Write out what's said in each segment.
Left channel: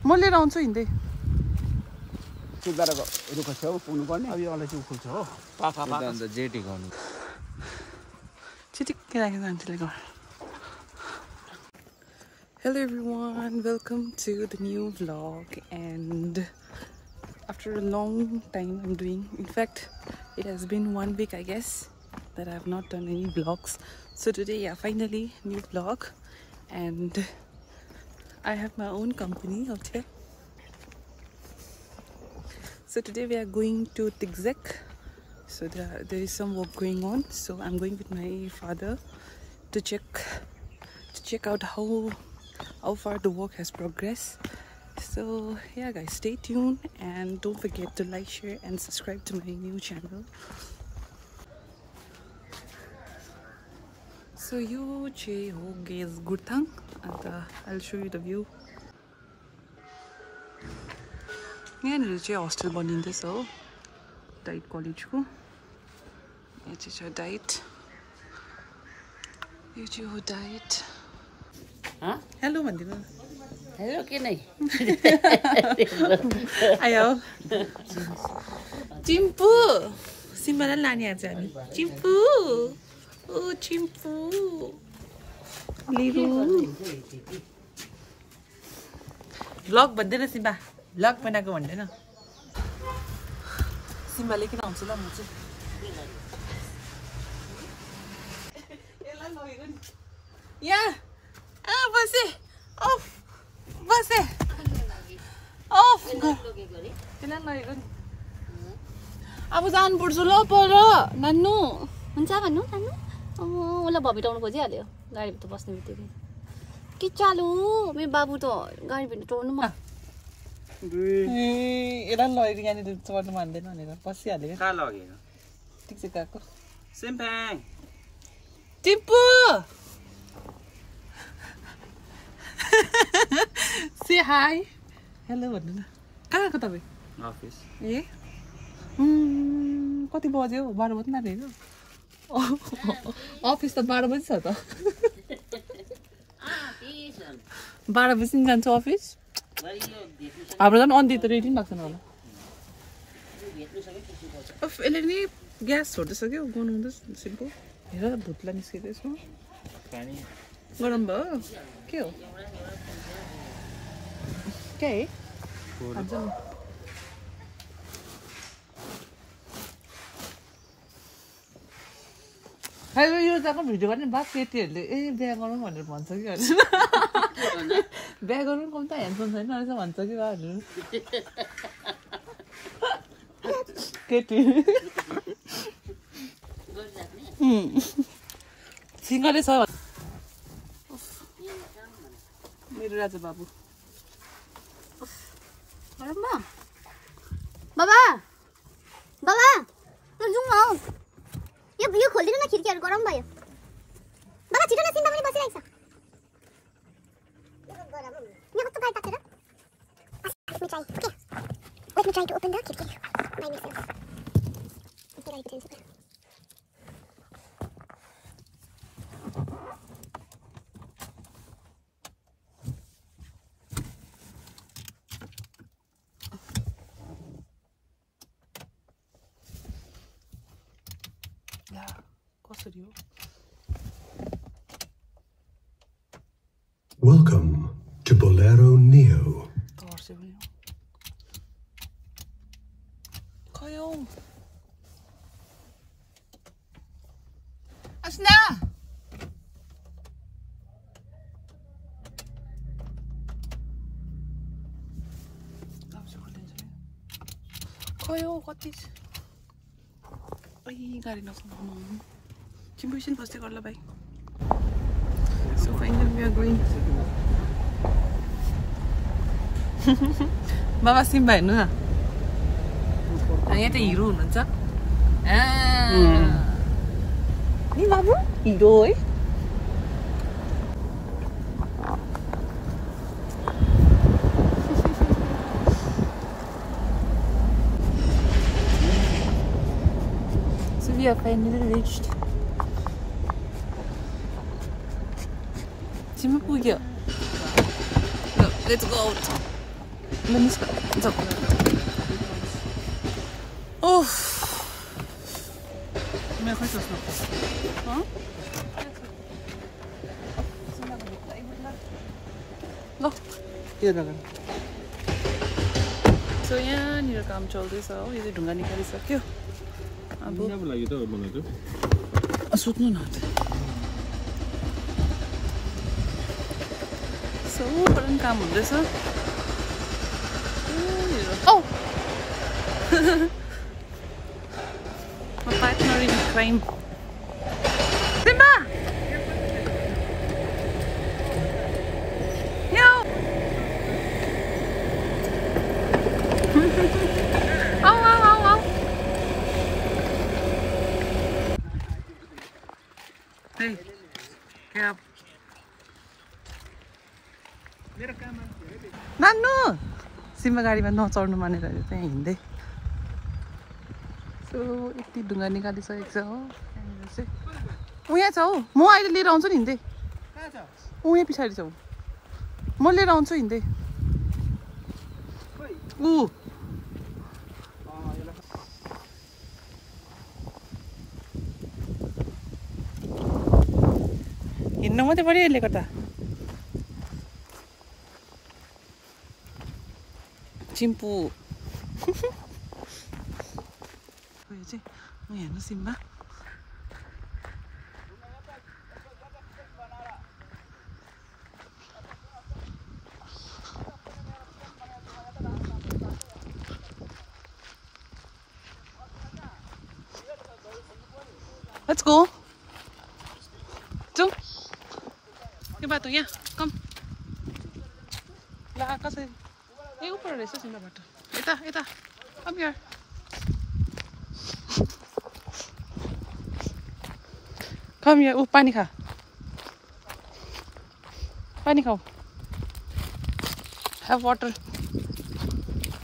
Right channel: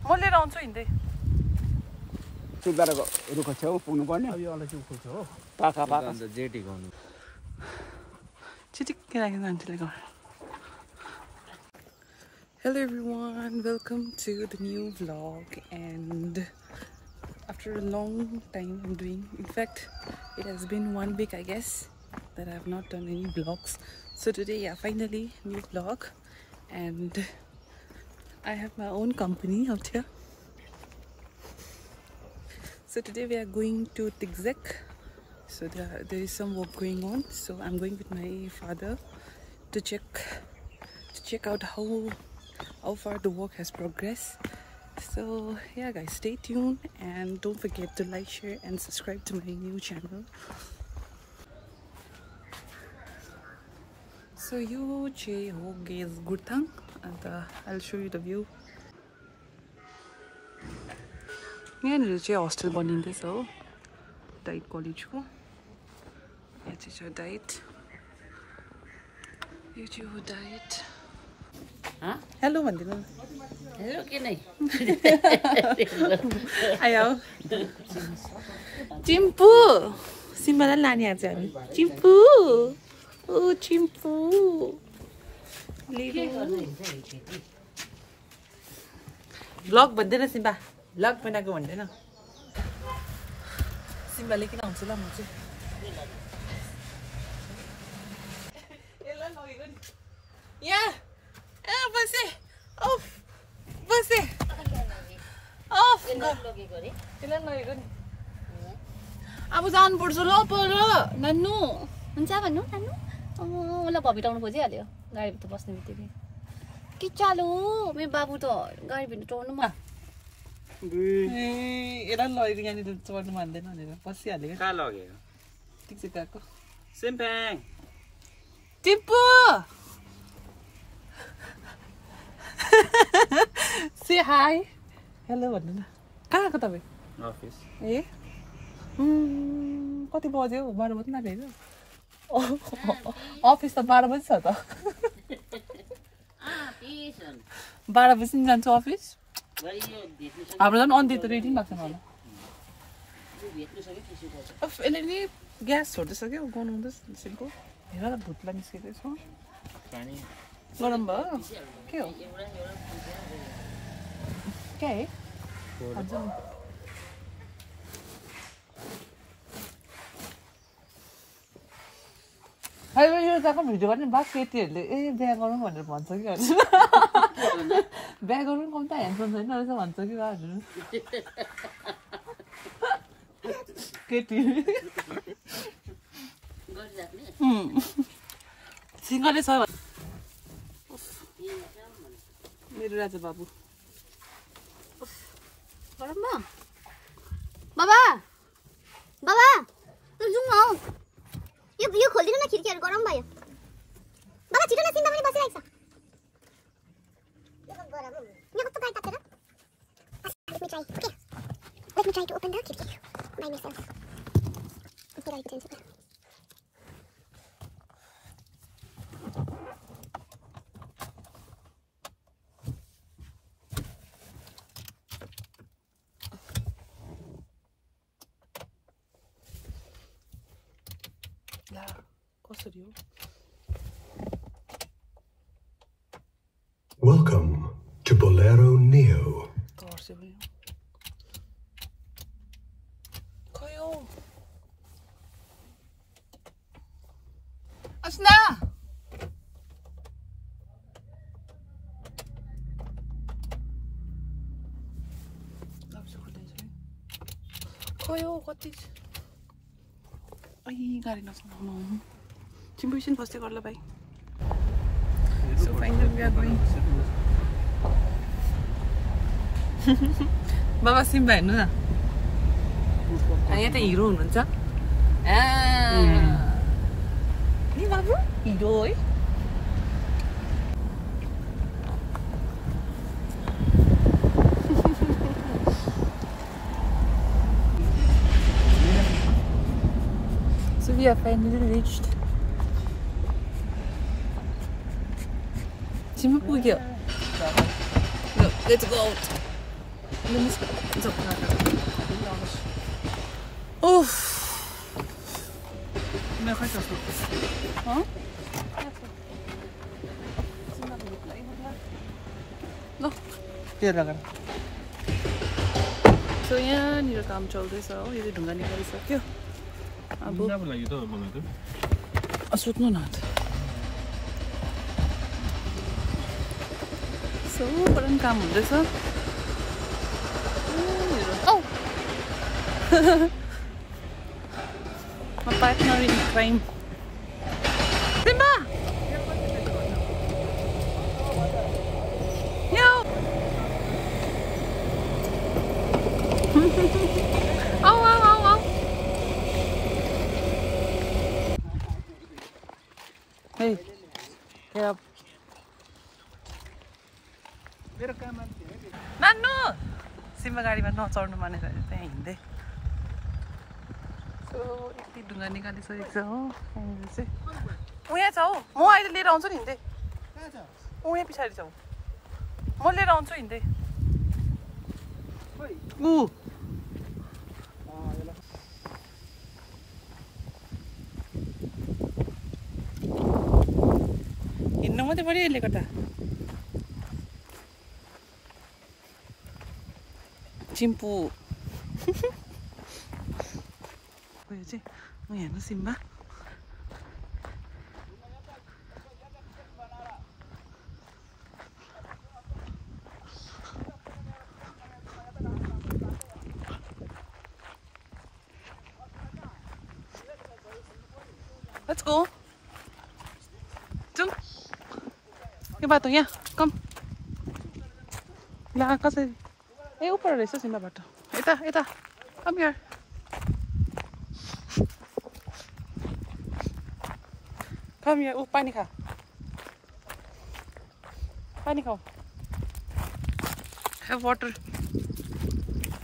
म लिएर आउँछु हिँड्दै सुधारको रुखको छेउ पुग्नु पर्ने अब यो अलैँची उठ्छ हो पाखा पाखा अन्त जेटी गर्नु चिटिक्कै राखेको आन्टीले घर Hello everyone, welcome to the new vlog and after a long time I'm doing, in fact it has been 1 week I guess that I have not done any vlogs. So today, yeah, finally new vlog and I have my own company out here. So today we are going to Tikzek. So there is some work going on. So I'm going with my father to check out how far the work has progressed. So yeah guys, stay tuned and don't forget to like, share and subscribe to my new channel. So you ho guys Gurthang and I'll show you the view. यहाँनिर चाहिँ hostel बनिँदैछ हो diet कलेजको यहाँ चाहिँ छ diet यो चाहिँ हो डाइट हेलो भनिदिनु हेलो के नै आयो चिम्पू सिम्बालाई लाने आज हामी चिम्पू ओ चिम्पू भ्लग भन्दैन सिम्बा भ्लग बनाएको भन्दैन सिम्बाले किन आउँछ ल म चाहिँ यहाँ बसे ओफ बसे ओफ त्यसलाई लगेको नि अब जानुपर्छ ल पर नान्नु हुन्छ भन्नु नान्नु उसलाई भभिटाउनु खोजिहाल्यो गाडीभित्र बस्ने बित्तिकै के चालु मेरो बाबु त गाडीभित्र टोर्नु म यसलाई लगेको यहाँनिर चढ्नु मान्दैन भनेर बसिहाल्यो कहाँ लगेको ठिक चाहिँ गएको सिम्प्याङ टिप्पु से हाई हेलो भन्नु न कहाँ आएको तपाईँ अफिस ए कति बज्यो 12 बज्नु आँटेको अफिस त 12 बजी छ त 12 बजी जान्छु अफिस हाम्रो झन् अन्ति त रेडी पनि भएको छैन होला यसले नि ग्यास छोड्दैछ क्या गर्नु हुँदैछ सिम्पल हेर भुत्ला निस्किँदैछ गरम भयो के हो क्या है यो जग्गा भिडियो गर्ने बात केटीहरूले ए बिहा गरौँ भनेर भन्छ कि हजुर बिहा गरौँ कम त ह्यान्डसम छैन रहेछ भन्छ कि हजुर केटी सिङ्गलै छ मेरो राजा बाबु बाबा बाबा जाउँ न हौ यो खोलिदिनु न खिड्कीहरू गरम भयो बाबा छिटो न सिम्बा पनि बसिरहेको छ यहाँ कस्तो गाडी तातेर Let me try to open the khidki by myself. Yeah, कसरी हो? Welcome to Bolero Neo. Koyo. Asna. Koyo, what is? Ay, गाडी नचलाउनु चिम्पु एकछिन फस्दै गर ल भाइ So finally we are going बाबा सिम्बा हेर्नु न यहाँ त हिरो हुनुहुन्छ नि बाबु हिरो है So we have finally reached Simba पुग्यो Let's go out Oh. Huh? No. So यहाँनिर काम चल्दैछ हो यो चाहिँ ढुङ्गा निकालिसक्यो अब सुत्नु न सो पनि काम हुँदैछ My partner in crime. Simba! Yo! Oh. Hey, get up. Nanu! Simba गाडीमा नचढ्नु भनेर चाहिँ हिँड्दै सो यति ढुङ्गा निकालिसकेको छ हो चाहिँ उहाँ छ हौ म अहिले लिएर आउँछु नि हिँड्दै उही पछाडि छ म लिएर आउँछु हिँड्दै हिँड्नु मात्रै पऱ्यो यसले गर्दा चिम्पू यो चाहिँ म हेर्नु सिम्बा Let's go. जाऊ यो बाटो यहाँ कम यहाँ कसै ए ऊपर रहेछ सिम्बा बाटो यता कम यार कम यार पानी खा पानी खाऊ have water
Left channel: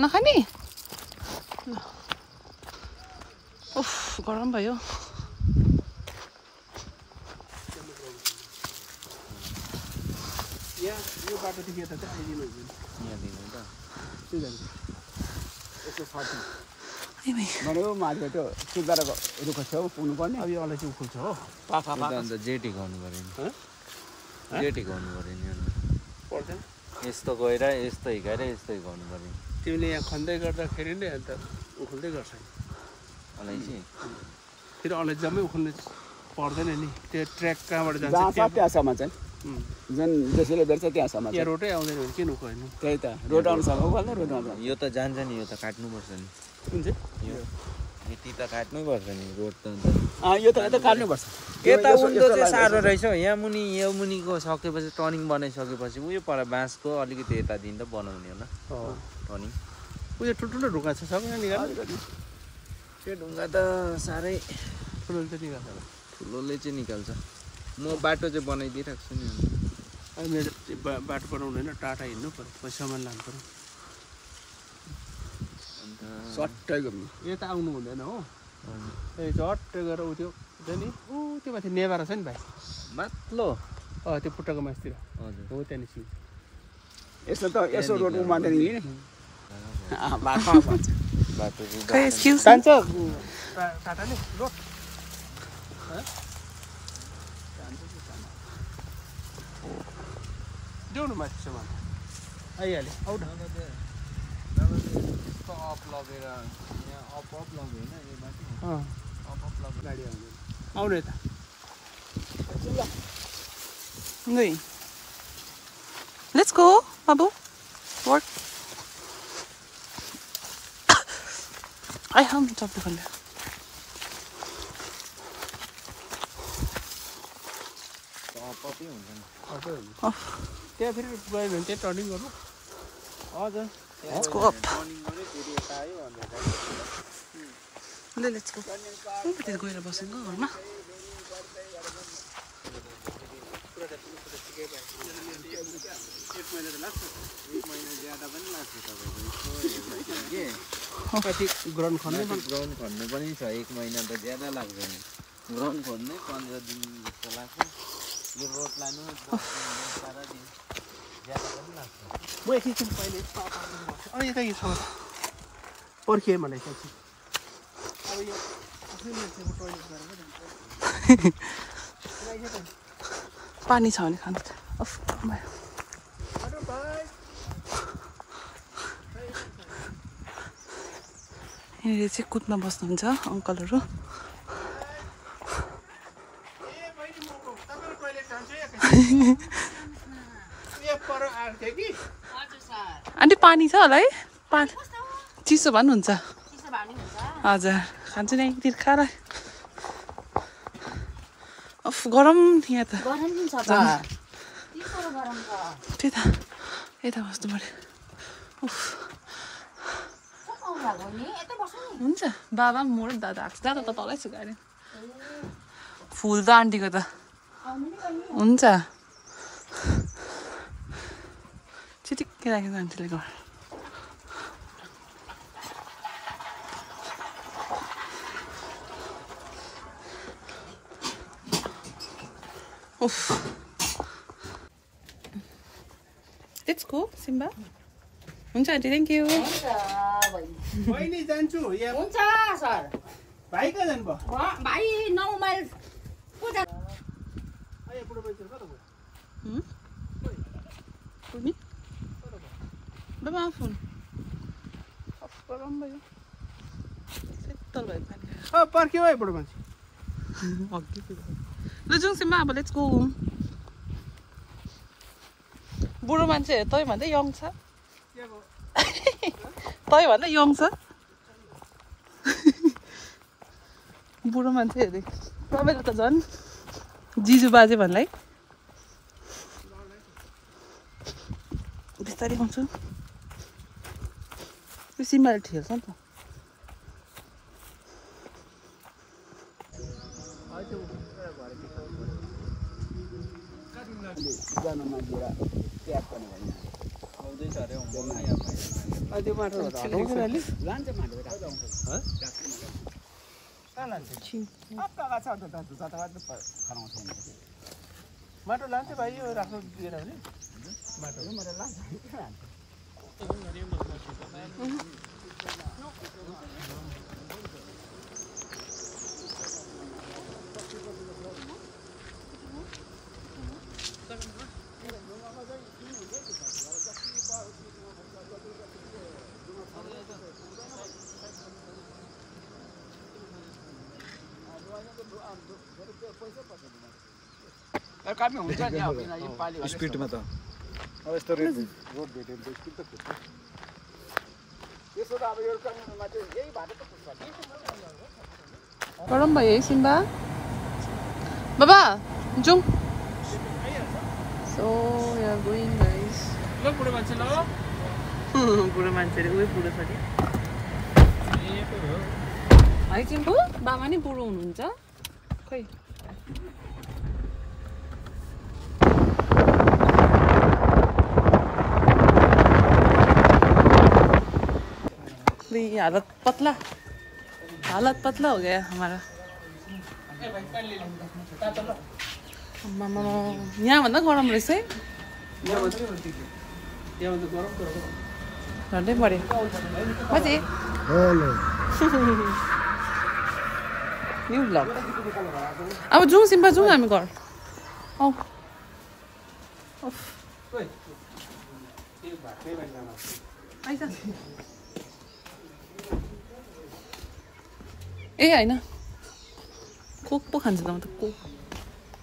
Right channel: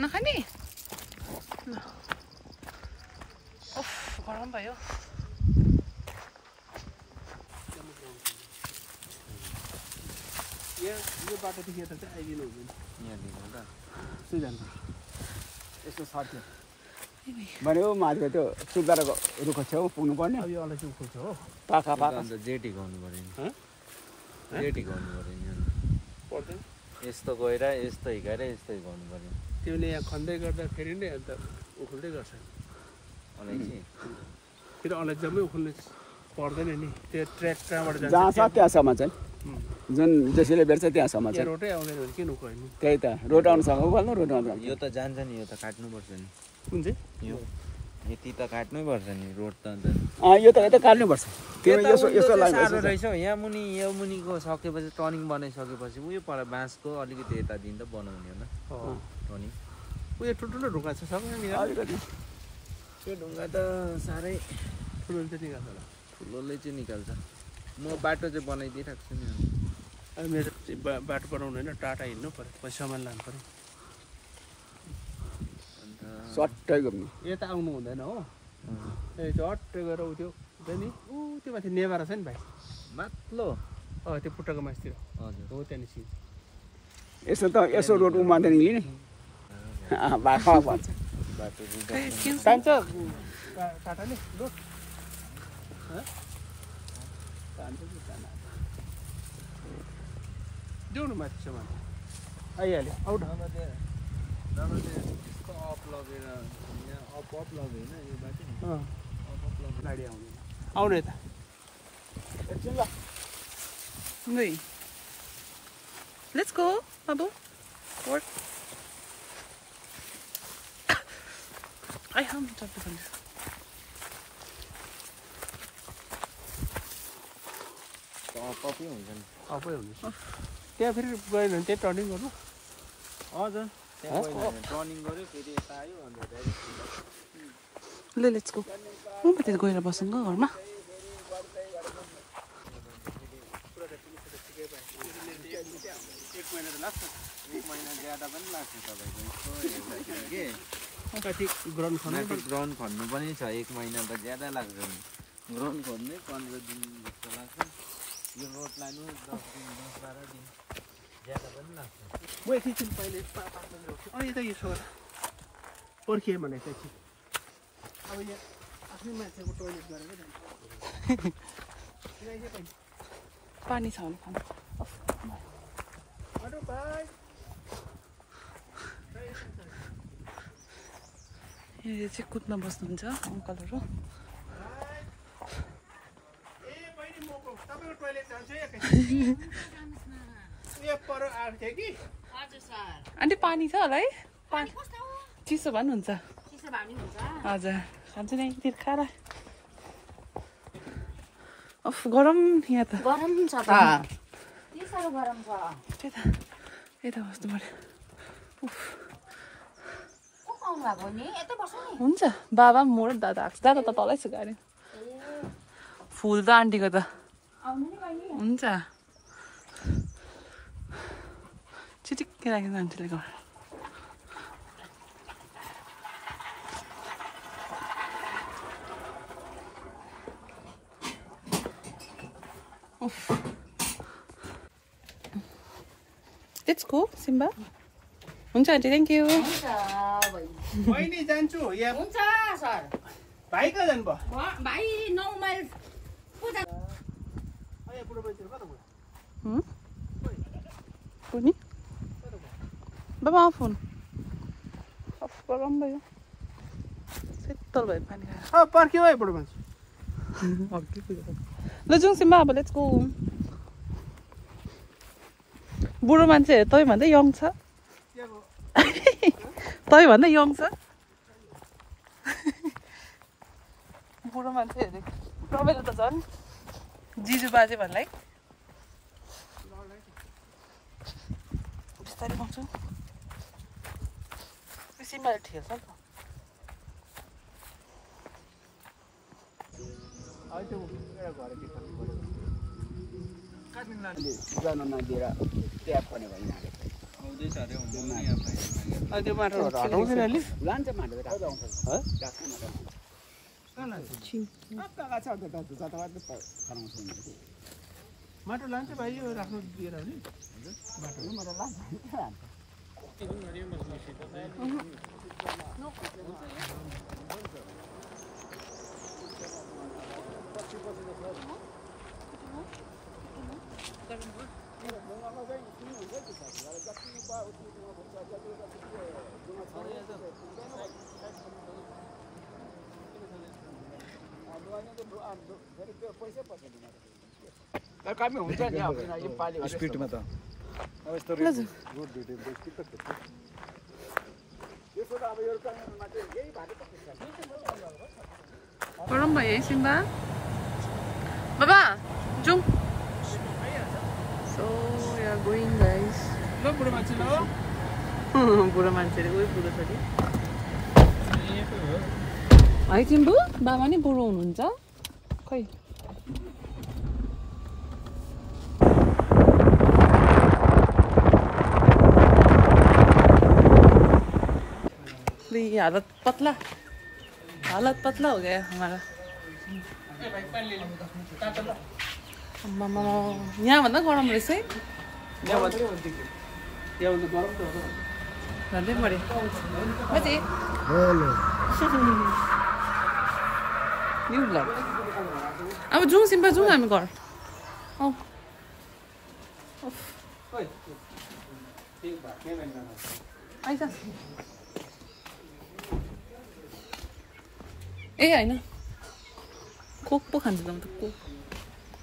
नखाने उफ गरम भयो यो बाटोदेखि यता चाहिँ आइदिनु हुँदैन भनेको माथिको त्यो सुधारको रुखको छेउ पुग्नु पर्ने अब यो अलैँची उखुल्छ हो अन्त जेटी गर्नु पर्यो जेटी गर्नु पर्यो पर्दैन यस्तो गएर यस्तो हिँडेर यस्तो गर्नु पर्यो तिमीले यहाँ खन्दै गर्दाखेरि नै अन्त उखुल्दै गर्छ अलैँची फेरि अलैँची जम्मै उखुल्नु पर्दैन नि त्यो ट्र्याक कहाँबाट जान्छ त्यहाँसम्म चाहिँ जुन जसले बेर्छ त्यहाँसम्म यहाँ रोडै आउँदैन भने किन उखल्नु त्यही त रोड अनुसँग उखल्नु रोड अनुसँग यो त जान्छ नि यो त काट्नुपर्छ नि कुन चाहिँ यो यति त काट्नुपर्छ नि रोड त अन्त यो त काट्नुपर्छ यता उल्टो चाहिँ साह्रो रहेछ यहाँ मुनि यो मुनिको सकेपछि टर्निङ बनाइसकेपछि उयो पर बाँसको अलिकति यतादेखि त बनाउने हो न टर्निङ उयो ठुल्ठुलो ढुङ्गा छ सबै निकाल्नु त्यो ढुङ्गा त साह्रै ठुलो चाहिँ निकाल्छ होला ठुलोले चाहिँ निकाल्छ म बाटो चाहिँ बनाइदिइरहेको छु नि अब मेरो बाटो बनाउनु होइन टाटा हिँड्नु पऱ्यो पछि सामान लानु पऱ्यो सट्टै घुम्नु यता आउनु हुँदैन हो झट्ट गएर उ त्यो नि ऊ त्यो माथि नेभारा छ नि भाइ माथिल्लो त्यो पुट्टाको मासतिर हजुर हो त्यहाँ निस्किन्छ यसो रोड उमार्दैन नि बाटो भन्छ बाटो खै एक्सक्युज जान्छ टाटा नि रोड देऊ न माथि सामान आइहाल्यो अप लगेर यहाँ अप लग्यो होइन यो बाटो अप लग्यो गाडी आउँदैन आउनु यता Hey. Let's go, Babu. Work. I haven't talked to him. कति हुन्छ नि त्यहाँ फेरि गयो भने त्यही टर्निङ गरौँ हजुर Let's go up. टर्निङ गऱ्यो फेरि यता आयो अन्त Let's go. Oh, but it's going to boss and go, ma. एक महिना ज्यादा पनि लाग्छ तपाईँको यसो हेर्दाखेरि के कति ग्राउन्ड खन्नु ग्राउन्ड खन्नु पनि छ एक महिना त ज्यादा लाग्छ नि ग्राउन्ड खन्नै 15 दिन जस्तो लाग्छ यो रोड लानु 10 दिन सारा दिन म एकछिन पहिले अनि यता यो ठाउँमा पर्खिएँ मलाई एकछिन अब यो आफ्नै मान्छेको टोइलेट गरेर जान्छ पानी छ भने खान्छ यहाँनिर चाहिँ कुदमा बस्नुहुन्छ अङ्कलहरू आन्टी पानी छ होला है चिसो भए पनि हुन्छ हजुर खान्छु नि एकतिर खाएर अफ गरम यहाँ त त्यही त यता बस्नु पर्यो हुन्छ बाबा म र दादा आएको दादा त तलै छु गाडी फुल त आन्टीको त हुन्छ चिटिक्कै राखेको आन्टीले घर Let's go, Simba. हुन्छ आन्टी थ्याङ्क यू बहिनी जान्छु यहाँ हुन्छ सर भाइ कहाँ जानुभयो भाइ 9 माइल को जा अय बुढो मान्छे कता गयो कुनी बाबा फोन अफ गरम भयो सेतल भयो पानी पर्ख्यो है बुढो मान्छे अघि ल जाउँ सिम्बा अब लेट्स गो बुढो मान्छे तै भन्दा यङ छ तै भन्दा यङ छ बुढो मान्छे अरे तपाईँले त झन् जिजु बाजे भन्दै बिस्तारै गाउँछु त्यो सिम्बाले ठेल्छ नि त त्यो माटो माटो लान्छ भाइ यो राख्नु दिएन भने माटो लान्छ कमी हुन्छ नि अब यो पाली स्पिडमा त अब यस्तो रोड भेट्यो भने स्पिड त खोज्छ यसो त अब यो काममा चाहिँ यही भाडा त गरम भयो है सिम्बा बाबा जाउँ so we are going guys ल बुढो मान्छे ल बुढो मान्छेले उयो बुढो छ कि है चिम्बु बाबा नि बुढो हुनुहुन्छ खै हालत पतला हो गया हमारा यहाँ भन्दा गरम रहेछ है झन्डै मऱ्यो न्यू ब्लग अब जाउँ सिम्पा जाउँ हामी घर आऊ आइज ए होइन कोक पो खान्छ त म त कोक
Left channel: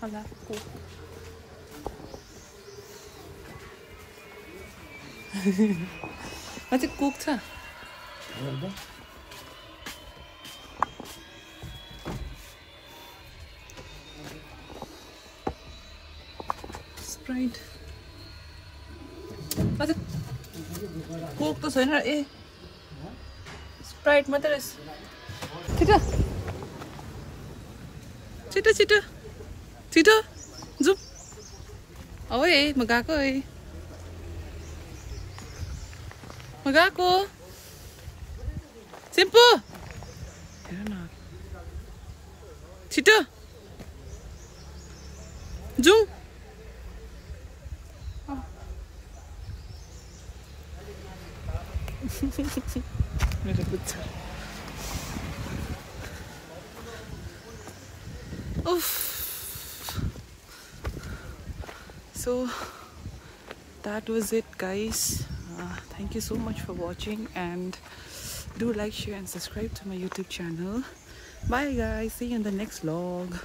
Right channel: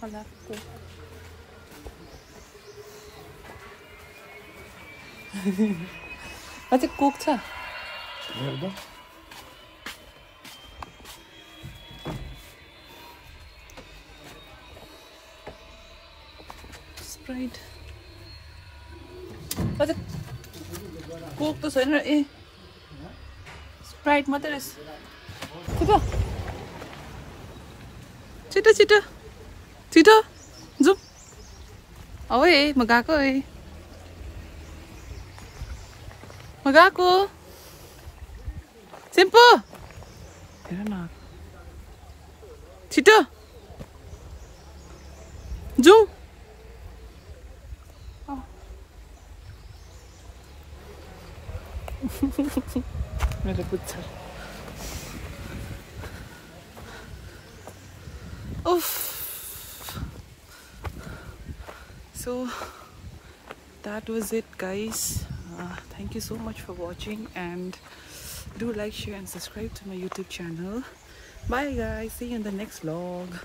होला कोक अझै कोक छ स्प्राइट अझै कोक त छैन ए स्प्राइट मात्रै रहेछ छिटो छिटो छिटो छिटो जाउँ औ है म गएको है म गएको सिम्पो छिटो So that was it, guys. Thank you so much for watching, and do like, share and subscribe to my YouTube channel. Bye guys, see you in the next vlog.